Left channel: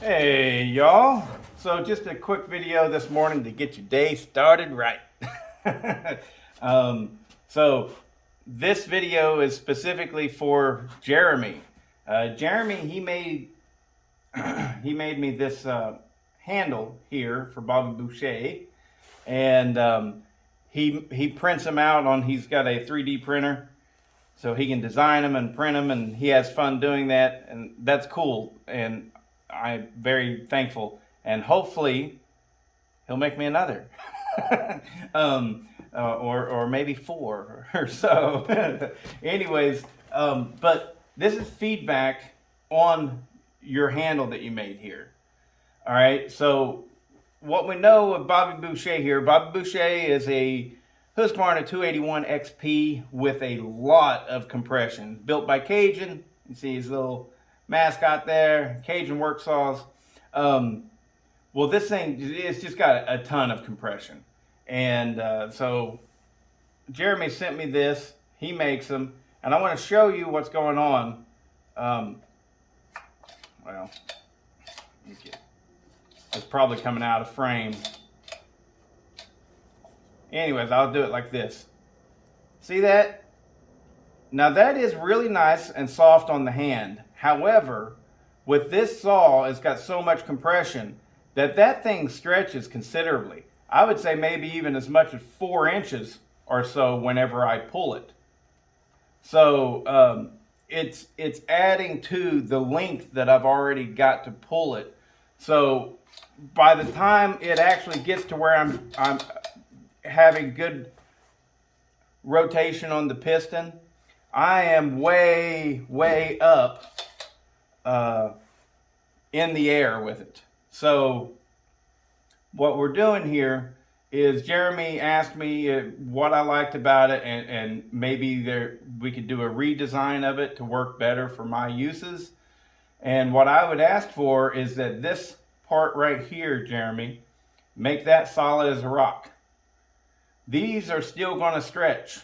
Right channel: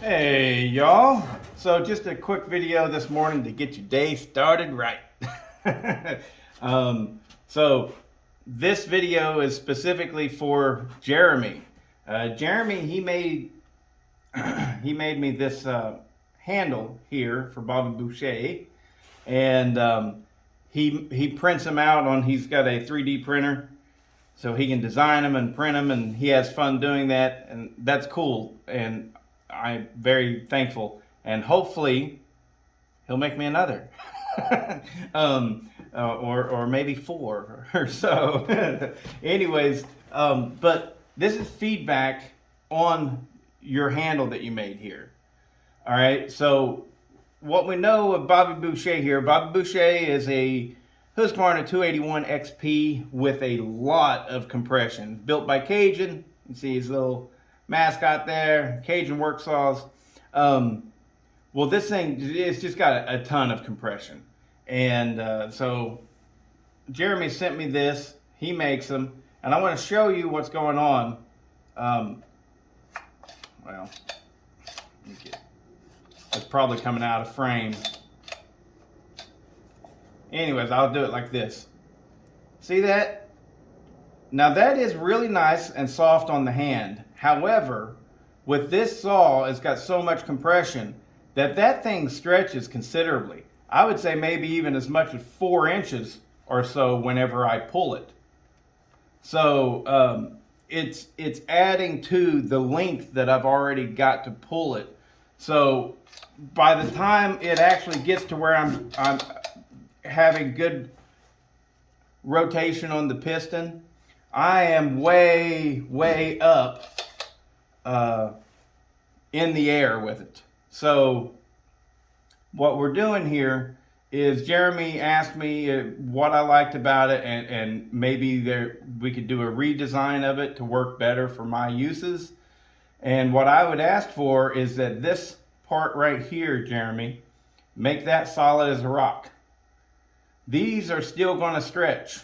Hey y'all, so just a quick video this morning to get your day started right. um, so this video is specifically for Jeremy. Jeremy, he made me this handle here for Bobby Boucher, and he prints them out on. He's got a 3D printer, so he can design them and print them, and he has fun doing that, and that's cool. And I'm very thankful, and hopefully he'll make me another, or maybe four or so. Anyways, but this is feedback on your handle that you made here. All right, so what we know of Bobby Boucher here, Bobby Boucher is a Husqvarna 281 XP with a lot of compression, built by Cajun. You see his little mascot there, Cajun work saws. Well, this thing, it's just got a ton of compression. And so Jeremy sent me this. He makes them. And I want to show you what's going on. Well, it's probably coming out of frame. Anyways, I'll do it like this. See that? Now that is really nice and soft on the hand. However, with this saw, it's got so much compression that thing stretches considerably. I would say maybe even as much as 4 inches or so whenever I pull it. So it's adding to the length that I've already got to pull it. So by the time it actually gets to where I'm having good rotation on the piston, I am way up in the air with it. So what we're doing here is Jeremy asked me what I liked about it, and maybe we could do a redesign of it to work better for my uses. And what I would ask for is that this part right here, Jeremy, make that solid as a rock. These are still going to stretch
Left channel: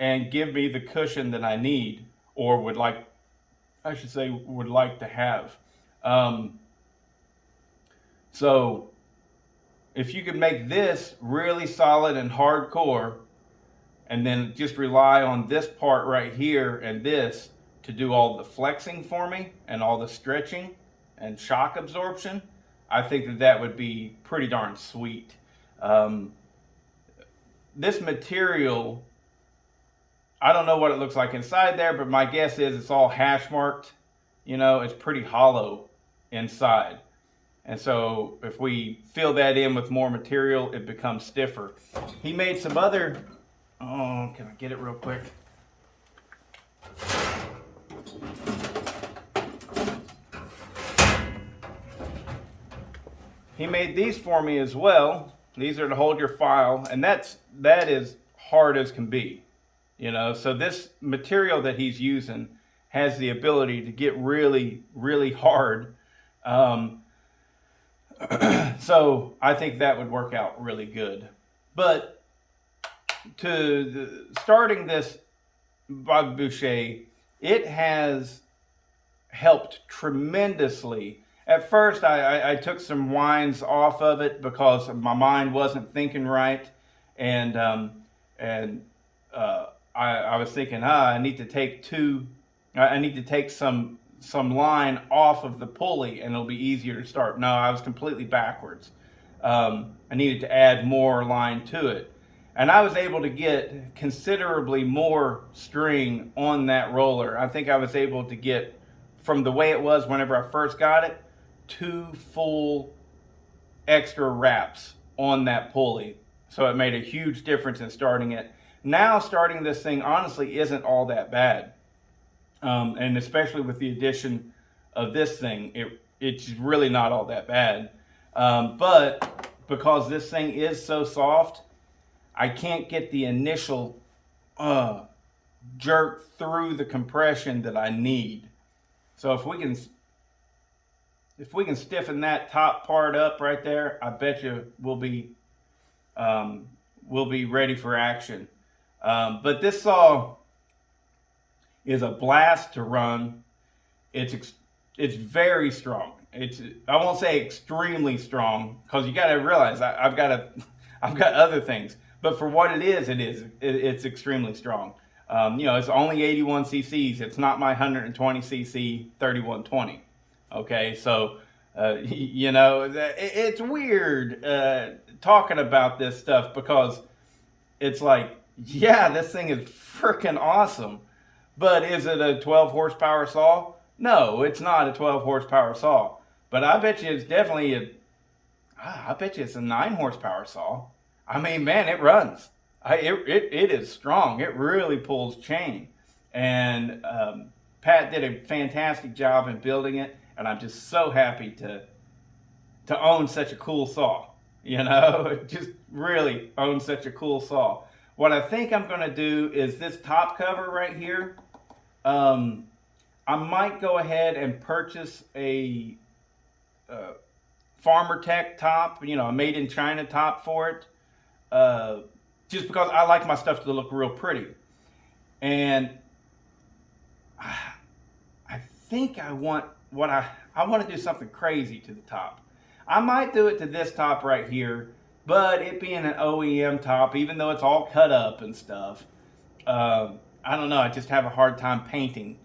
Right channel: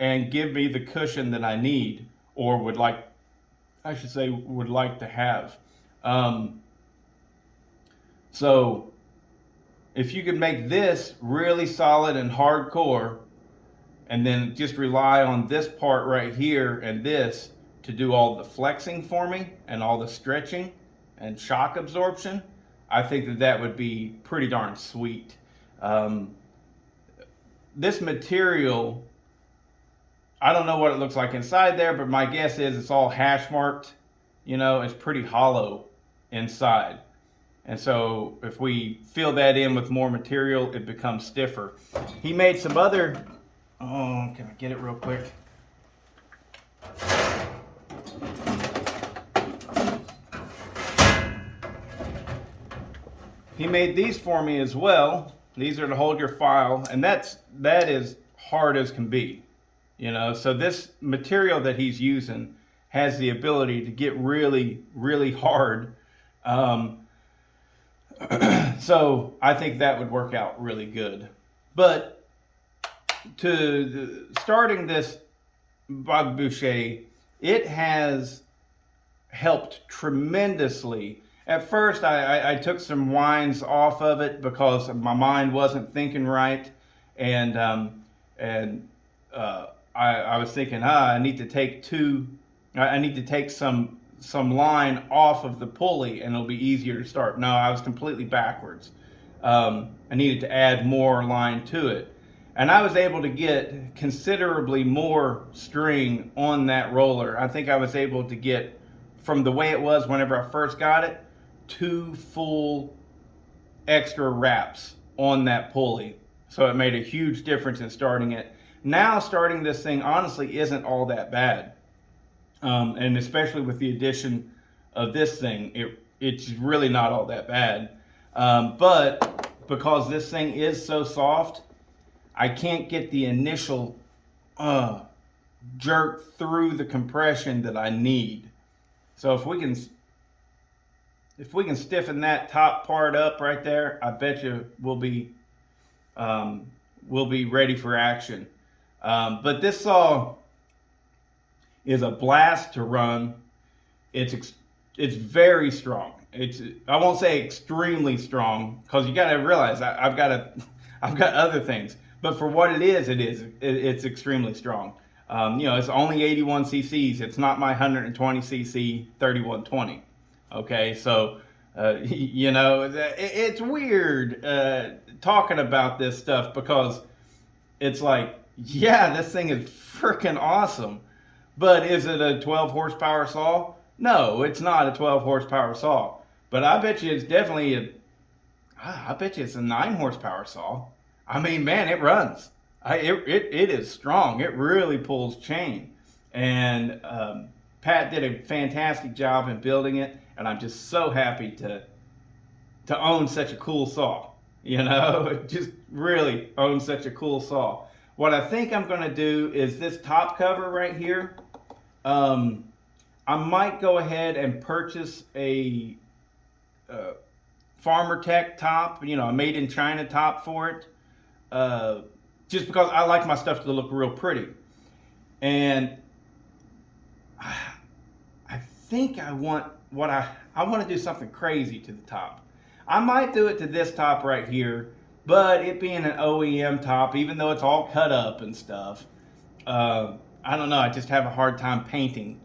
and give me the cushion that I need, or would like to have. So if you could make this really solid and hardcore, and then just rely on this part right here and this to do all the flexing for me and all the stretching and shock absorption, I think that would be pretty darn sweet. This material, I don't know what it looks like inside there, but my guess is it's all hash marked. You know, it's pretty hollow inside. And so if we fill that in with more material, it becomes stiffer. He made some other, can I get it real quick? He made these for me as well. These are to hold your file, and that is hard as can be. You know, so this material that he's using has the ability to get really hard. So I think that would work out really good. But starting this Bobby Boucher, it has helped tremendously. At first, I took some winds off of it because my mind wasn't thinking right, and I was thinking, I need to take some line off of the pulley, and it'll be easier to start. No, I was completely backwards. I needed to add more line to it, and I was able to get considerably more string on that roller. I think I was able to get, from the way it was whenever I first got it, 2 full extra wraps on that pulley. So it made a huge difference in starting it. Now starting this thing honestly isn't all that bad. And especially with the addition of this thing, it's really not all that bad. But because this thing is so soft, I can't get the initial jerk through the compression that I need. So if we can stiffen that top part up right there, I bet you we'll be ready for action. But this saw is a blast to run. It's It's very strong. I won't say extremely strong, because you got to realize I've got I've got other things, but for what it's extremely strong. It's only 81 cc's. It's not my 120 cc 3120. Okay, so it's weird talking about this stuff, because it's like, yeah, this thing is freaking awesome, but is it a 12 horsepower saw? No, it's not a 12 horsepower saw. But I bet you it's definitely I bet you it's a 9 horsepower saw. I mean, man, it runs. It is strong. It really pulls chain. And Pat did a fantastic job in building it, and I'm just so happy to own such a cool saw. Just really own such a cool saw. What I think I'm going to do is this top cover right here. I might go ahead and purchase a Farmer Tech top, a made in China top for it, just because I like my stuff to look real pretty. And I think I want to do something crazy to the top. I might do it to this top right here, but it being an OEM top, even though it's all cut up and stuff, I don't know, I just have a hard time painting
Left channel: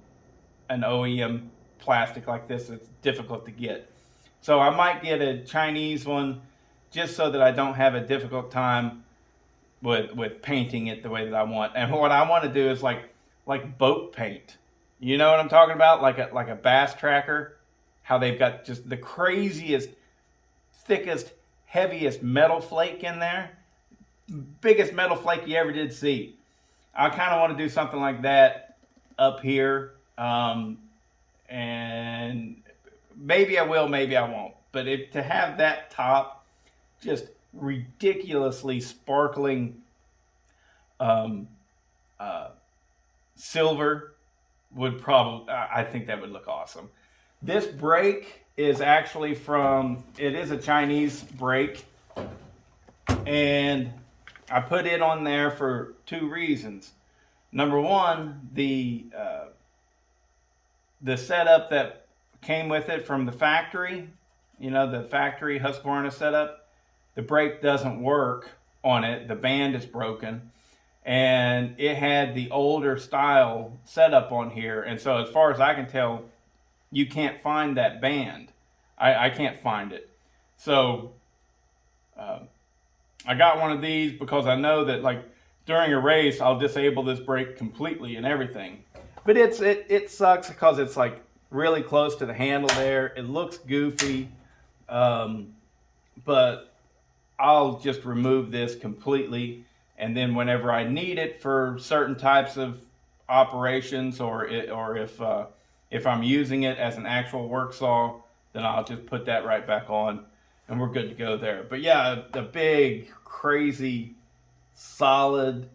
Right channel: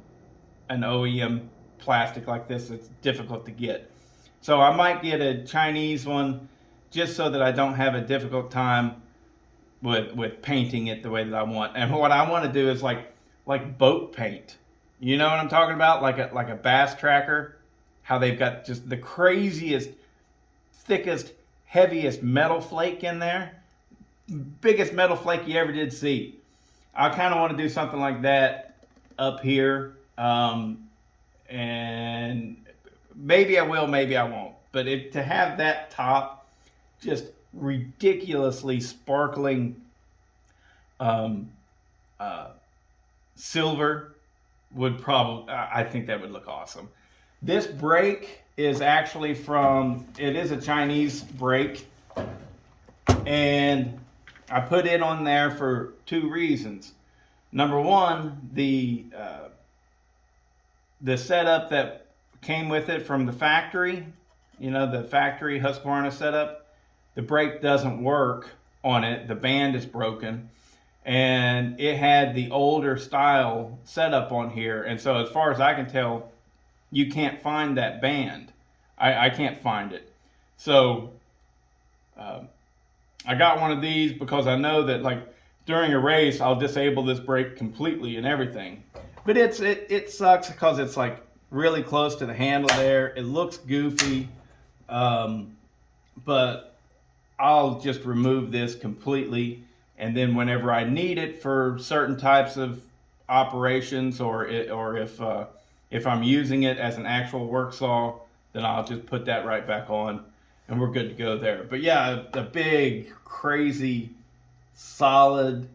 an OEM plastic like this. It's difficult to get. So I might get a Chinese one, just so that I don't have a difficult time with painting it the way that I want. And what I want to do is like boat paint. You know what I'm talking about? Like a bass tracker, how they've got just the craziest, thickest, heaviest metal flake in there. Biggest metal flake you ever did see. I kind of want to do something like that up here. And maybe I will, maybe I won't. But to have that top just ridiculously sparkling silver would probably, I think that would look awesome. This brake is actually it is a Chinese brake, and I put it on there for 2 reasons. Number one, the setup that came with it from the factory, the factory Husqvarna setup, the brake doesn't work on it. The band is broken, and it had the older style setup on here. And so as far as I can tell, you can't find that band. I can't find it. So I got one of these because I know that, like, during a race, I'll disable this brake completely and everything. But it sucks because it's like really close to the handle there. It looks goofy, but I'll just remove this completely, and then whenever I need it for certain types of operations, or if I'm using it as an actual work saw, then I'll just put that right back on, and we're good to go there. But yeah, a big, crazy, solid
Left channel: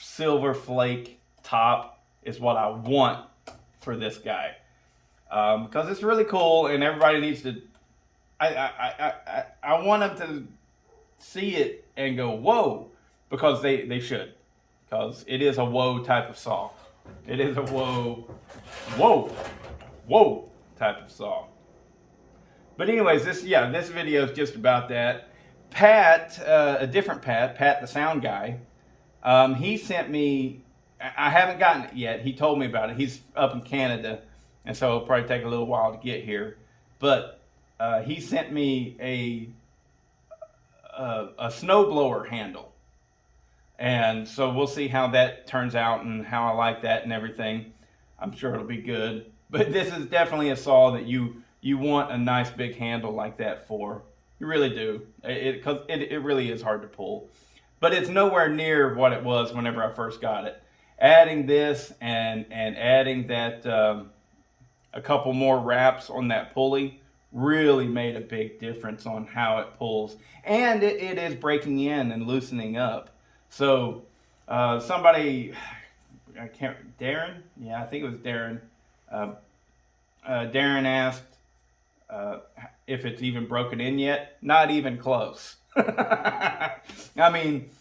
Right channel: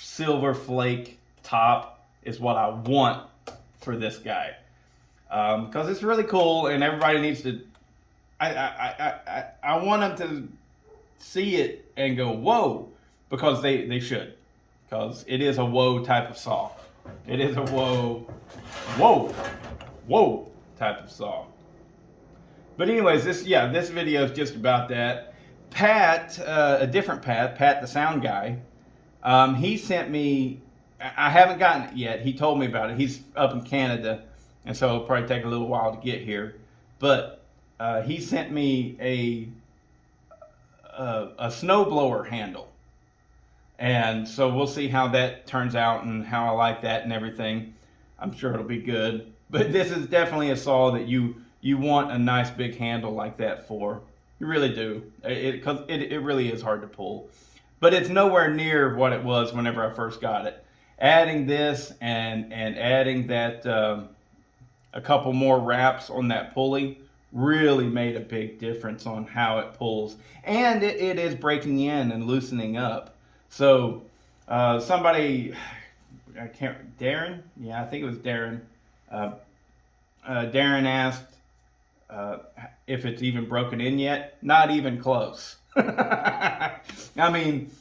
silver flake top is what I want for this guy, because it's really cool, and everybody needs to. I want them to see it and go whoa, because they should, because it is a whoa type of saw. It is a whoa type of saw. But anyways, this video is just about that. Pat, a different Pat the sound guy, he sent me. I haven't gotten it yet. He told me about it. He's up in Canada, and so it'll probably take a little while to get here. But he sent me a snowblower handle, and so we'll see how that turns out and how I like that and everything. I'm sure it'll be good. But this is definitely a saw that you want a nice big handle like that for. You really do. Because it really is hard to pull. But it's nowhere near what it was whenever I first got it. Adding this and adding that a couple more wraps on that pulley really made a big difference on how it pulls. And it is breaking in and loosening up. So somebody, Darren? Yeah, I think it was Darren. Darren asked if it's even broken in yet. Not even close. I mean,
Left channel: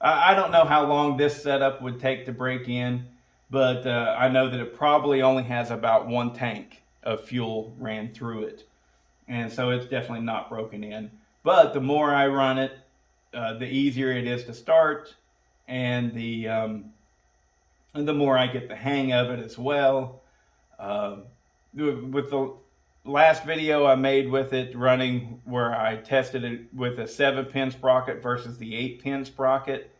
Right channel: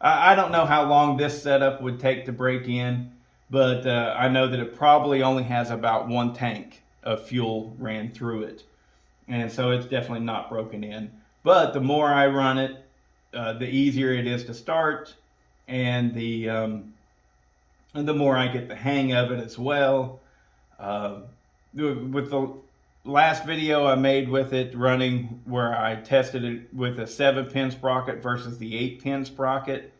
I don't know how long this setup would take to break in, but I know that it probably only has about 1 tank of fuel ran through it. And so it's definitely not broken in. But the more I run it, the easier it is to start, and the more I get the hang of it as well. Uh, with the last video I made with it running, where I tested it with a 7-pin sprocket versus the 8-pin sprocket,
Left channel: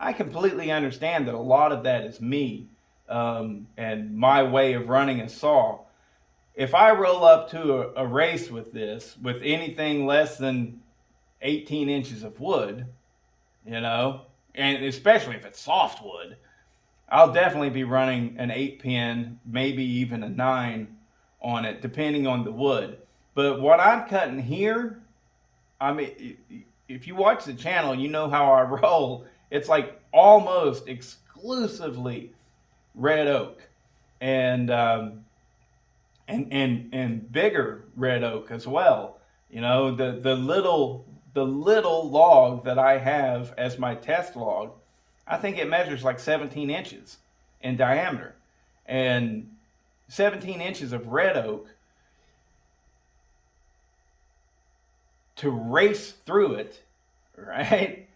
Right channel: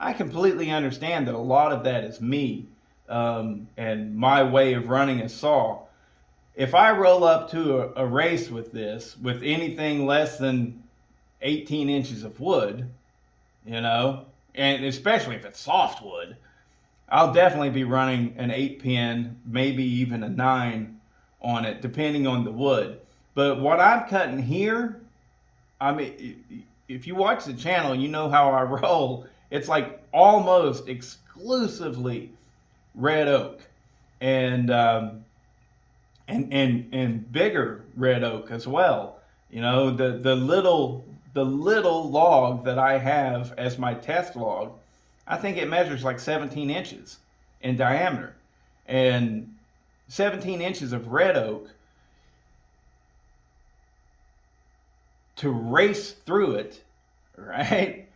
I completely understand that a lot of that is me, and my way of running a saw. If I roll up to a race with this, with anything less than 18 inches of wood, and especially if it's softwood, I'll definitely be running an 8-pin, maybe even a 9 on it, depending on the wood. But what I'm cutting here, I mean, if you watch the channel, you know how I roll. It's like almost exclusively red oak, and bigger red oak as well. The little log that I have as my test log, I think it measures like 17 inches in diameter, and 17 inches of red oak, to race through it, right?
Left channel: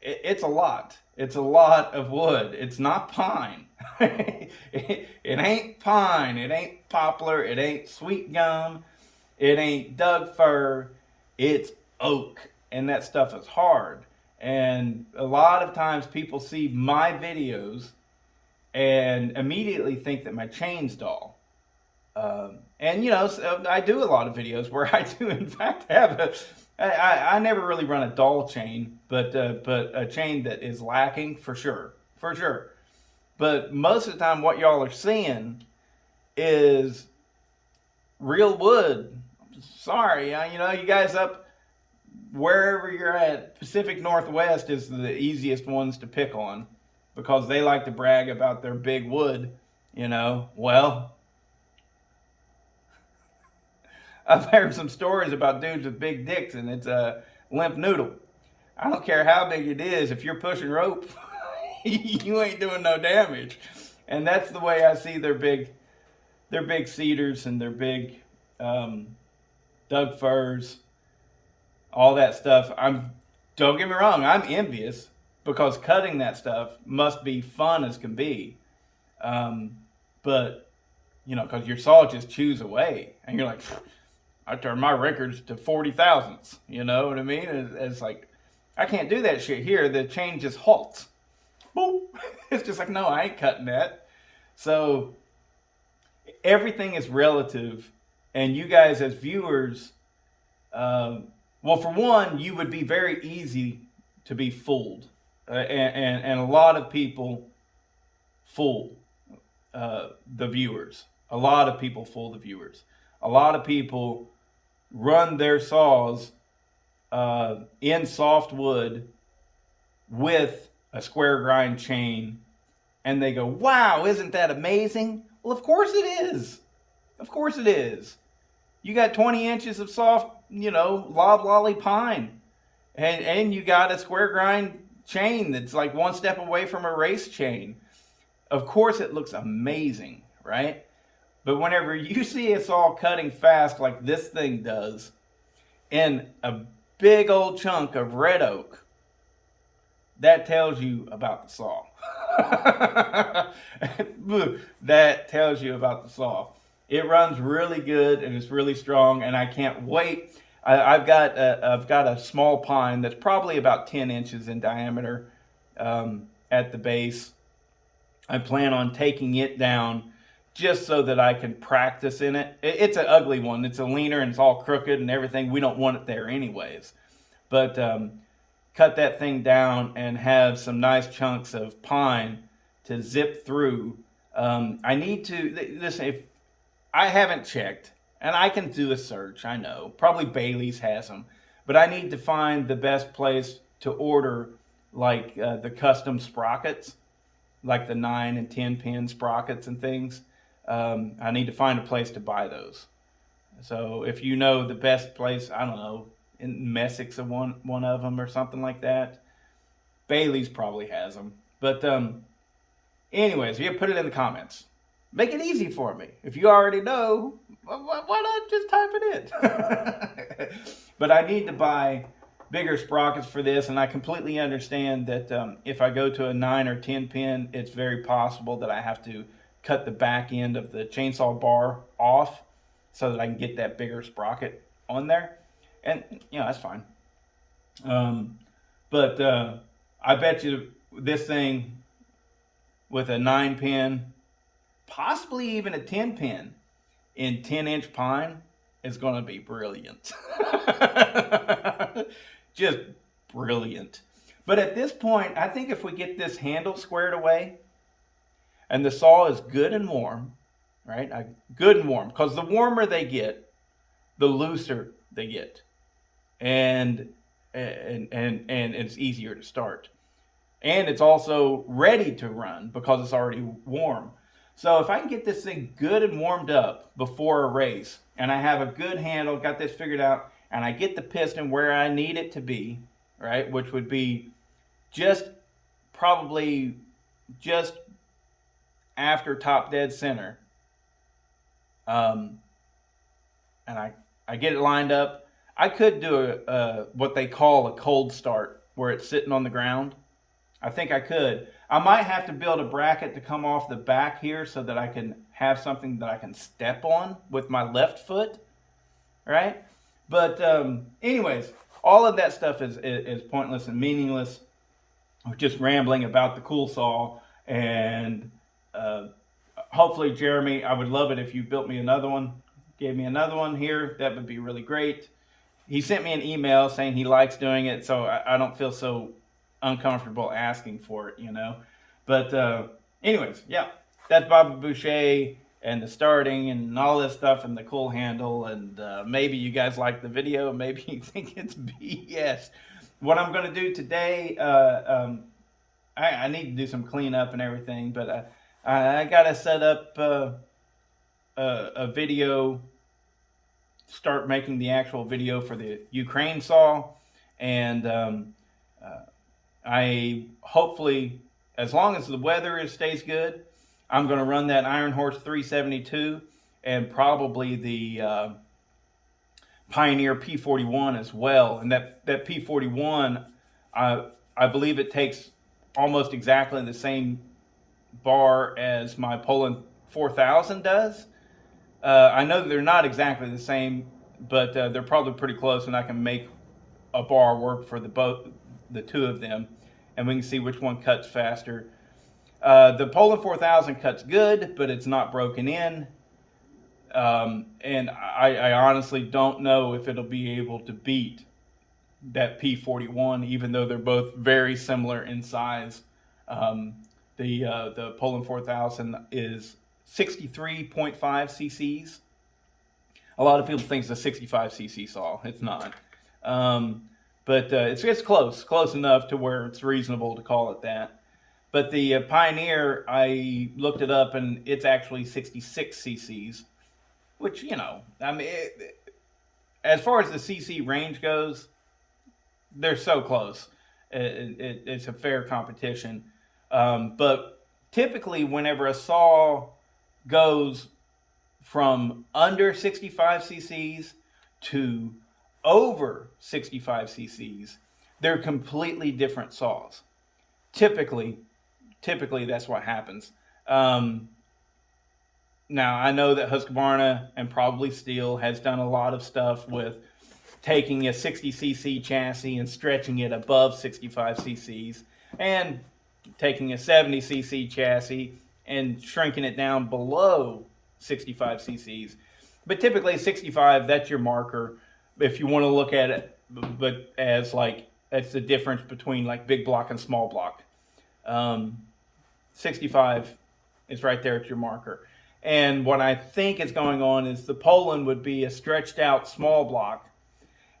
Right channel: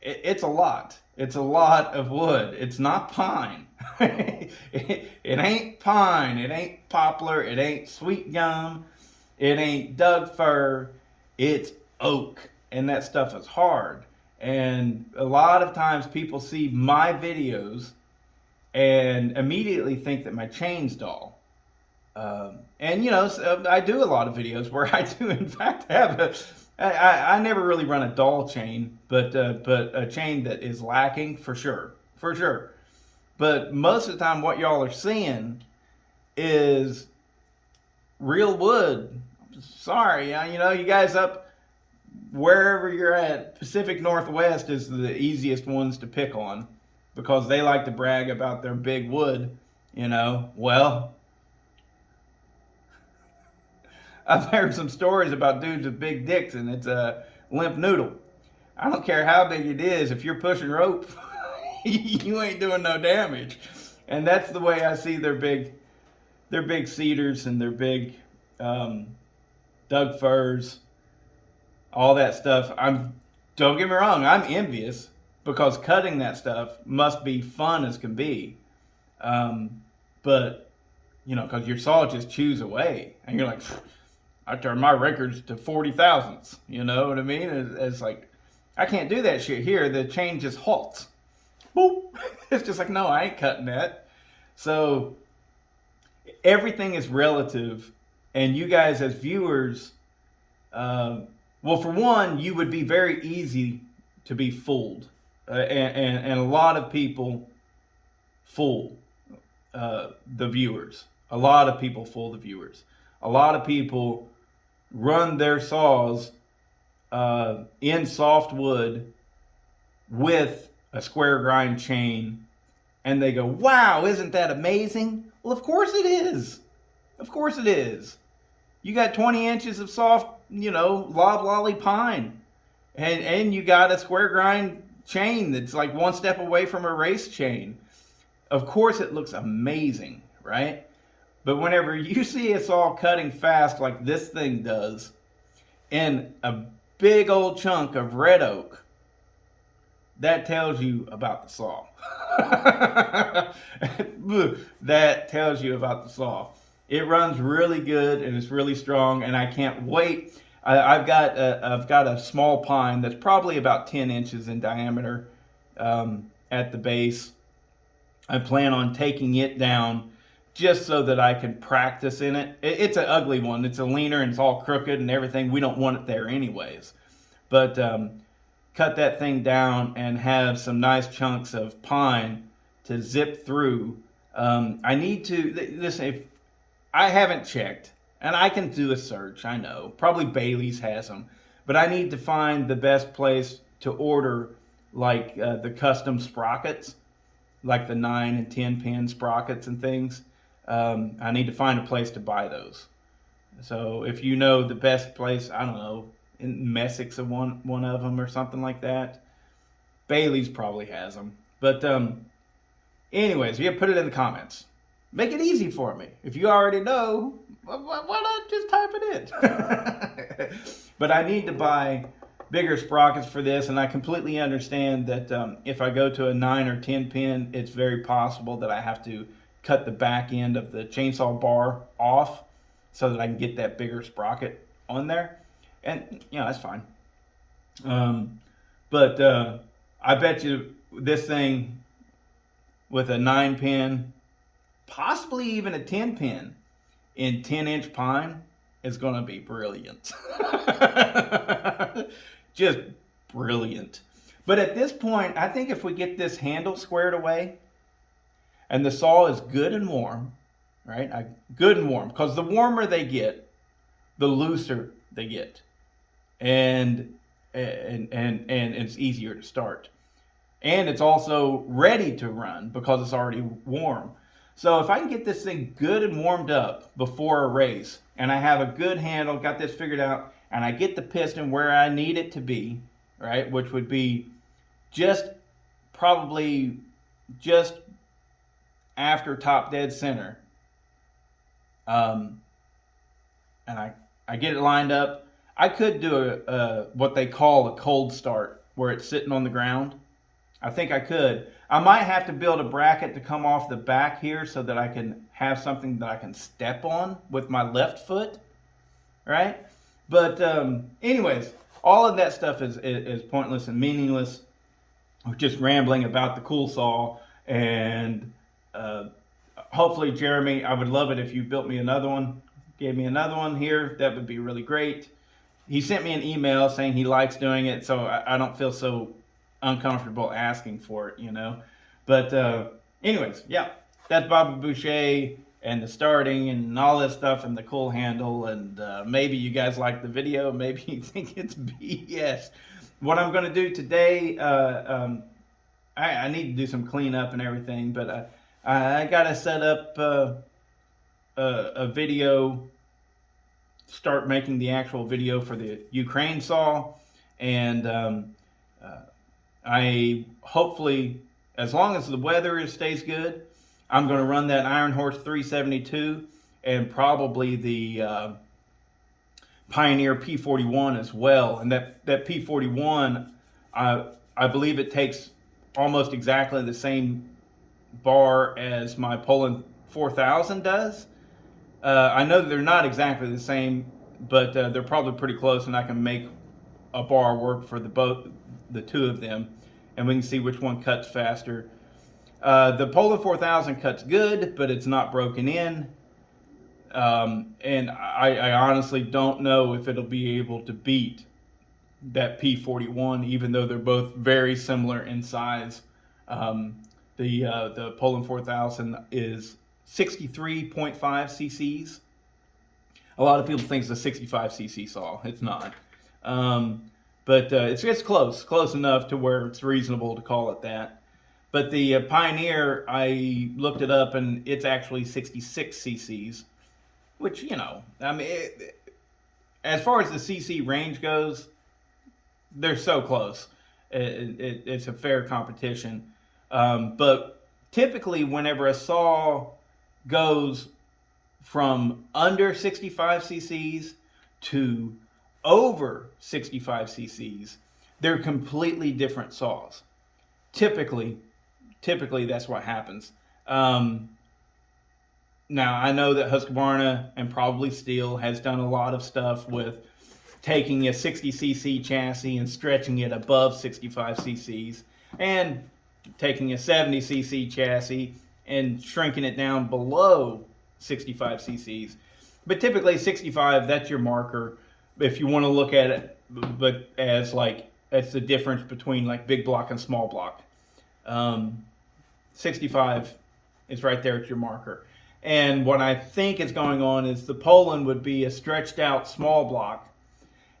It's a lot. It's a lot of wood. It's not pine. It ain't pine. It ain't poplar. It ain't sweet gum. It ain't Doug fir. It's oak. And that stuff is hard. And a lot of times people see my videos and immediately think that my chain's dull. So I do a lot of videos where I do in fact have I never really run a dull chain, but a chain that is lacking for sure. But most of the time what y'all are seeing is real wood. Sorry, you guys up wherever you're at, Pacific Northwest is the easiest ones to pick on, because they like to brag about their big wood, Well, I've heard some stories about dudes with big dicks, and it's a limp noodle. I don't care how big it is, if you're pushing rope, you ain't doing no damage. And that's the way I see their big cedars and their big Doug firs, all that stuff. Don't get me wrong, I'm envious, because cutting that stuff must be fun as can be. But because your saw just chews away, and you're like, I turn my records to 40 thousandths. You know what I mean? It's like, I can't do that shit here. The chain just halts. Boop. It's just like, no, I ain't cutting that. So everything is relative, and you guys as viewers, well, for one, you would be very easy to be fooled, and a lot of people fool the viewers. A lot of people fool the viewers. A lot of people run their saws in softwood with a square grind chain, and they go, wow, isn't that amazing? Well, of course it is. Of course it is. You got 20 inches of soft, loblolly pine, and you got a square grind chain that's like one step away from a race chain. Of course it looks amazing, right? But whenever you see a saw cutting fast like this thing does, in a big old chunk of red oak, that tells you about the saw. That tells you about the saw. It runs really good, and it's really strong, and I can't wait. I've got a small pine that's probably about 10 inches in diameter at the base. I plan on taking it down just so that I can practice in it. It's an ugly one. It's a leaner, and it's all crooked and everything. We don't want it there anyways. But cut that thing down and have some nice chunks of pine to zip through. I need to, listen, if I haven't checked, and I can do a search, I know. Probably Bailey's has them. But I need to find the best place to order, like the custom sprockets, like the 9 and 10 pin sprockets and things. I need to find a place to buy those. So if you know the best place, I don't know, in Messick's one of them or something like that. Bailey's probably has them. But anyways, yeah, put it in the comments. Make it easy for me. If you already know, why not just type it in? But I need to buy bigger sprockets for this, and I completely understand that if I go to a 9 or 10 pin, it's very possible that I have to cut the back end of the chainsaw bar off so that I can get that bigger sprocket on there. And, that's fine. But I bet you this thing with a 9 pin, possibly even a 10 pin in 10-inch pine is going to be brilliant. Just brilliant. But at this point, I think if we get this handle squared away and the saw is good and warm, right? Good and warm, because the warmer they get, the looser they get. And it's easier to start. And it's also ready to run because it's already warm. So if I can get this thing good and warmed up before a race, and I have a good handle, got this figured out, and I get the piston where I need it to be, right, which would be probably just after top dead center, and I get it lined up. I could do what they call a cold start, where it's sitting on the ground. I think I could. I might have to build a bracket to come off the back here so that I can have something that I can step on with my left foot, right? But anyways, all of that stuff is pointless and meaningless. We're just rambling about the cool saw, and hopefully, Jeremy, I would love it if you built me another one, gave me another one here. That would be really great. He sent me an email saying he likes doing it, so I don't feel so uncomfortable asking for it, But anyways, yeah, that's Bobby Boucher and the starting and all this stuff and the cool handle. And maybe you guys like the video. Maybe you think it's BS. What I'm going to do today, I need to do some cleanup and everything, but I got to set up a video, start making the actual video for the Ukraine saw. And I hopefully, as long as the weather stays good, I'm going to run that Iron Horse 372 and probably the Pioneer P41 as well. And that P41, I believe it takes almost exactly the same bar as my Poland 4000 does. I know they're not exactly the same, but they're probably pretty close, and I can make a bar work for the two of them, and we can see which one cuts faster. The Poland 4000 cuts good, but it's not broken in. And I honestly don't know if it'll be able to beat that P41, even though they're both very similar in size. The Poland 4000 is 63.5 cc's. A lot of people think it's a 65 cc saw. It's not. But it's close enough to where it's reasonable to call it that. But the Pioneer, I looked it up, and it's actually 66 cc's, which, I mean, as far as the cc range goes, they're so close. It's a fair competition. But typically, whenever a saw goes from under 65 cc's to over 65 cc's, they're completely different saws. Typically that's what happens. Now, I know that Husqvarna and probably Steel has done a lot of stuff with taking a 60cc chassis and stretching it above 65 cc's, and taking a 70cc chassis and shrinking it down below 65 cc's. But typically 65, that's your marker. If you want to look at it, but as like, that's the difference between like big block and small block. 65 is right there at your marker. And what I think is going on is the Poland would be a stretched out small block,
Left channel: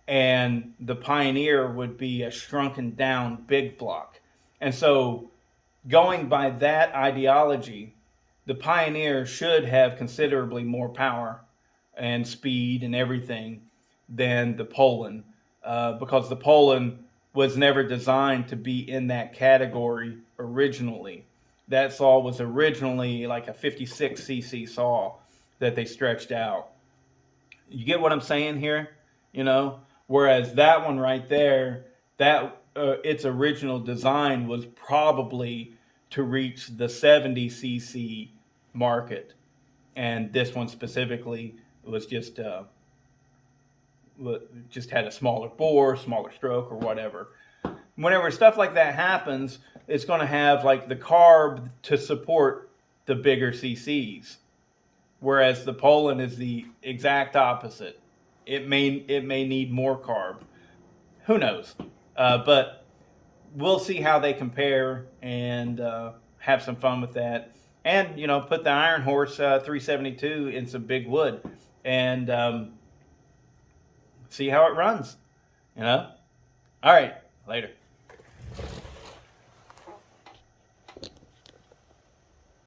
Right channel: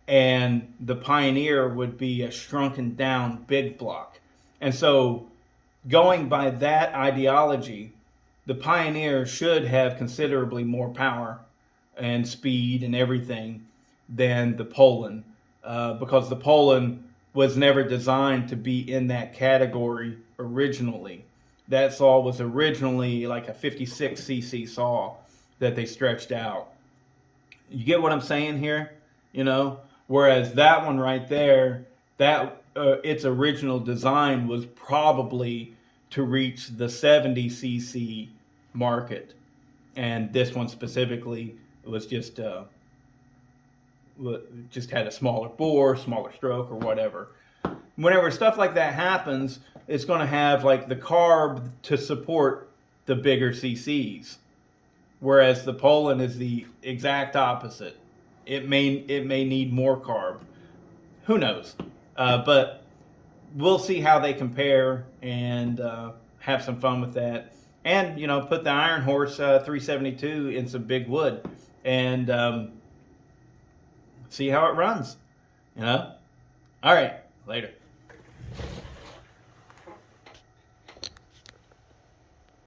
and the Pioneer would be a shrunken down big block. And so, going by that ideology, the Pioneer should have considerably more power and speed and everything than the Poland, because the Poland was never designed to be in that category originally. that saw was originally like a 56cc saw that they stretched out. You get what I'm saying here? You know, whereas that one right there, that its original design was probably to reach the 70cc market, and this one specifically was just had a smaller bore, smaller stroke, or whatever. Whenever stuff like that happens, it's going to have like the carb to support the bigger CCs, whereas the Poland is the exact opposite. It may need more carb. Who knows? But we'll see how they compare and have some fun with that. And put the Iron Horse 372 in some big wood and see how it runs. All right, later.